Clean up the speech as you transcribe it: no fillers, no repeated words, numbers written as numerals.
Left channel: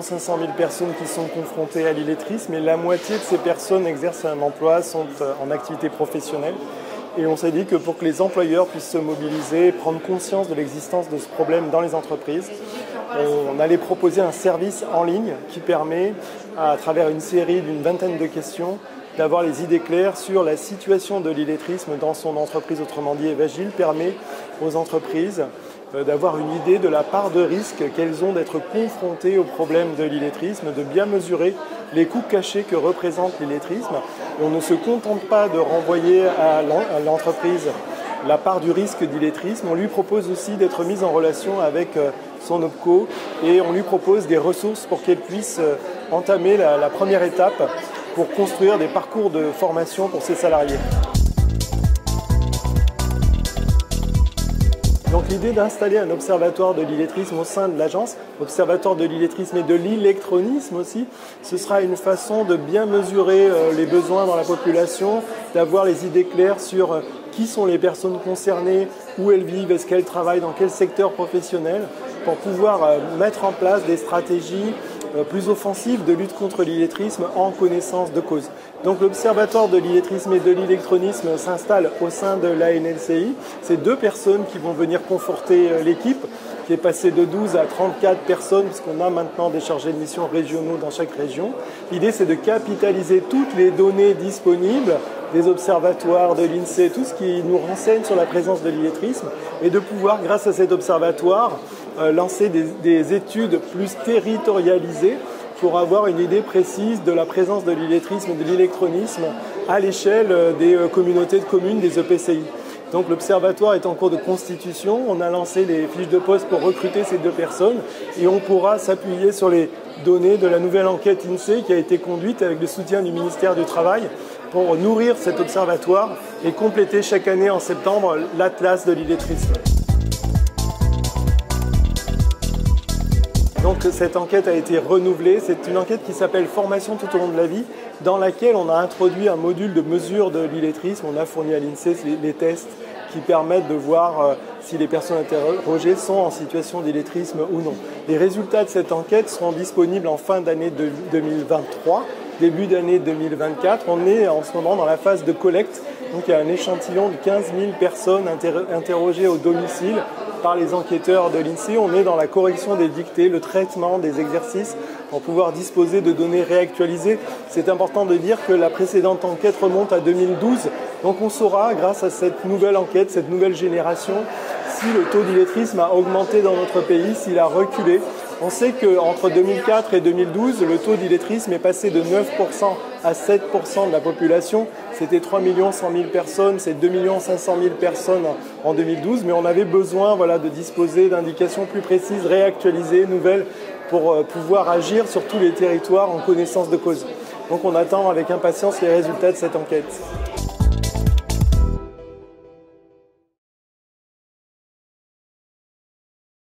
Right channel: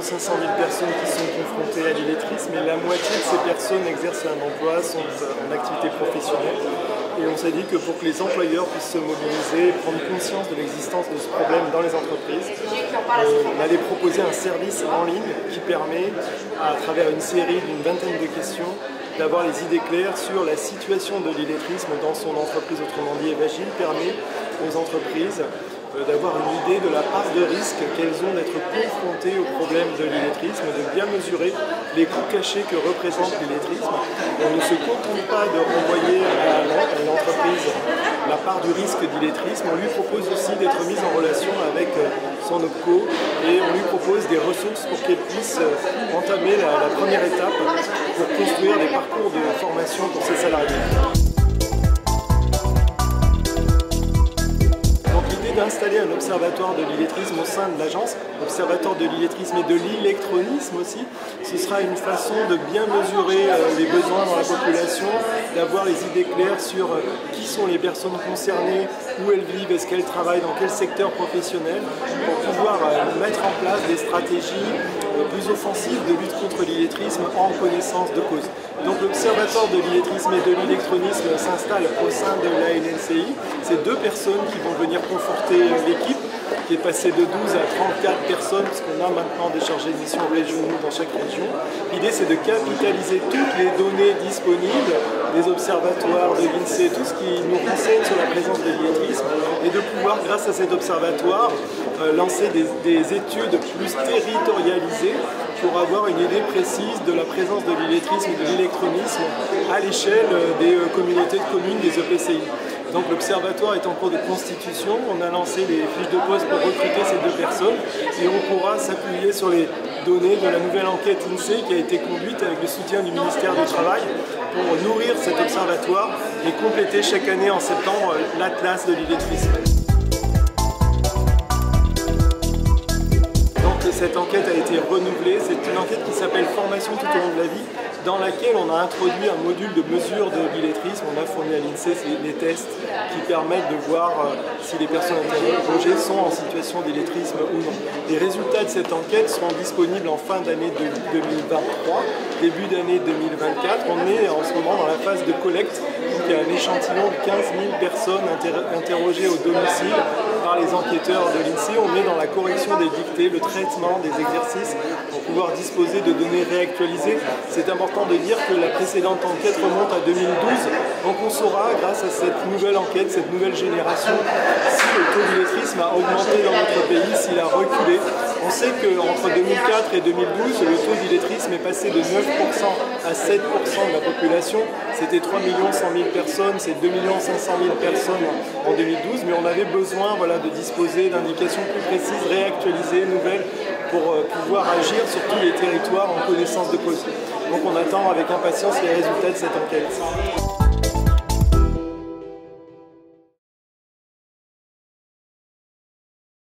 500 000 personnes qui sont confrontées à l'illettrisme et la moitié de ces personnes exercent un emploi, sont en activité professionnelle. Et on s'est dit que pour que les employeurs puissent se mobiliser, prendre conscience de l'existence de ce problème dans les entreprises, on allait proposer un service en ligne qui permet, à travers une série d'une vingtaine de questions, d'avoir les idées claires sur la situation de l'illettrisme dans son entreprise. Autrement dit, Evagile permet aux entreprises d'avoir une idée de la part de risque qu'elles ont d'être confrontées au problème de l'illettrisme, de bien mesurer les coûts cachés que représente l'illettrisme. On ne se contente pas de renvoyer à l'entreprise la part du risque d'illettrisme, on lui propose aussi d'être mise en relation avec son OPCO et on lui propose des ressources pour qu'elle puisse entamer la première étape pour construire des parcours de formation pour ses salariés. D'installer un observatoire de l'illettrisme au sein de l'agence, observatoire de l'illettrisme et de l'électronisme aussi. Ce sera une façon de bien mesurer les besoins dans la population, d'avoir les idées claires sur qui sont les personnes concernées, où elles vivent, est-ce qu'elles travaillent, dans quel secteur professionnel, pour pouvoir mettre en place des stratégies plus offensives de lutte contre l'illettrisme en connaissance de cause. Donc l'Observatoire de l'illettrisme et de l'électronisme s'installe au sein de l'ANLCI. C'est 2 personnes qui vont venir conforter l'équipe, qui est passée de 12 à 34 personnes, puisqu'on a maintenant des chargés de mission régionaux dans chaque région. L'idée, c'est de capitaliser toutes les données disponibles des observatoires de l'INSEE, tout ce qui nous renseigne sur la présence de l'illettrisme, et de pouvoir, grâce à cet observatoire, lancer des études plus territorialisées pour avoir une idée précise de la présence de l'illettrisme et de l'électronisme à l'échelle des communautés de communes, des EPCI. Donc l'observatoire est en cours de constitution, on a lancé les fiches de poste pour recruter ces 2 personnes et on pourra s'appuyer sur les données de la nouvelle enquête INSEE qui a été conduite avec le soutien du ministère du Travail pour nourrir cet observatoire et compléter chaque année en septembre l'atlas de l'illettrisme. Cette enquête a été renouvelée, c'est une enquête qui s'appelle Formation tout au long de la vie, dans laquelle on a introduit un module de mesure de l'illettrisme. On a fourni à l'INSEE les tests qui permettent de voir si les personnes interrogées sont en situation d'illettrisme ou non. Les résultats de cette enquête seront disponibles en fin d'année 2023, début d'année 2024. On est en ce moment dans la phase de collecte. Donc il y a un échantillon de 15 000 personnes interrogées au domicile par les enquêteurs de l'INSEE. On est dans la correction des dictées, le traitement des exercices pour pouvoir disposer de données réactualisées. C'est important de dire que la précédente enquête remonte à 2012. Donc on saura, grâce à cette nouvelle enquête, cette nouvelle génération, si le taux d'illettrisme a augmenté dans notre pays, s'il a reculé. On sait qu'entre 2004 et 2012, le taux d'illettrisme est passé de 9% à 7% de la population. C'était 3 100 000 personnes, c'est 2 500 000 personnes en 2012, mais on avait besoin de disposer d'indications plus précises, réactualisées, nouvelles, pour pouvoir agir sur tous les territoires en connaissance de cause. Donc on attend avec impatience les résultats de cette enquête.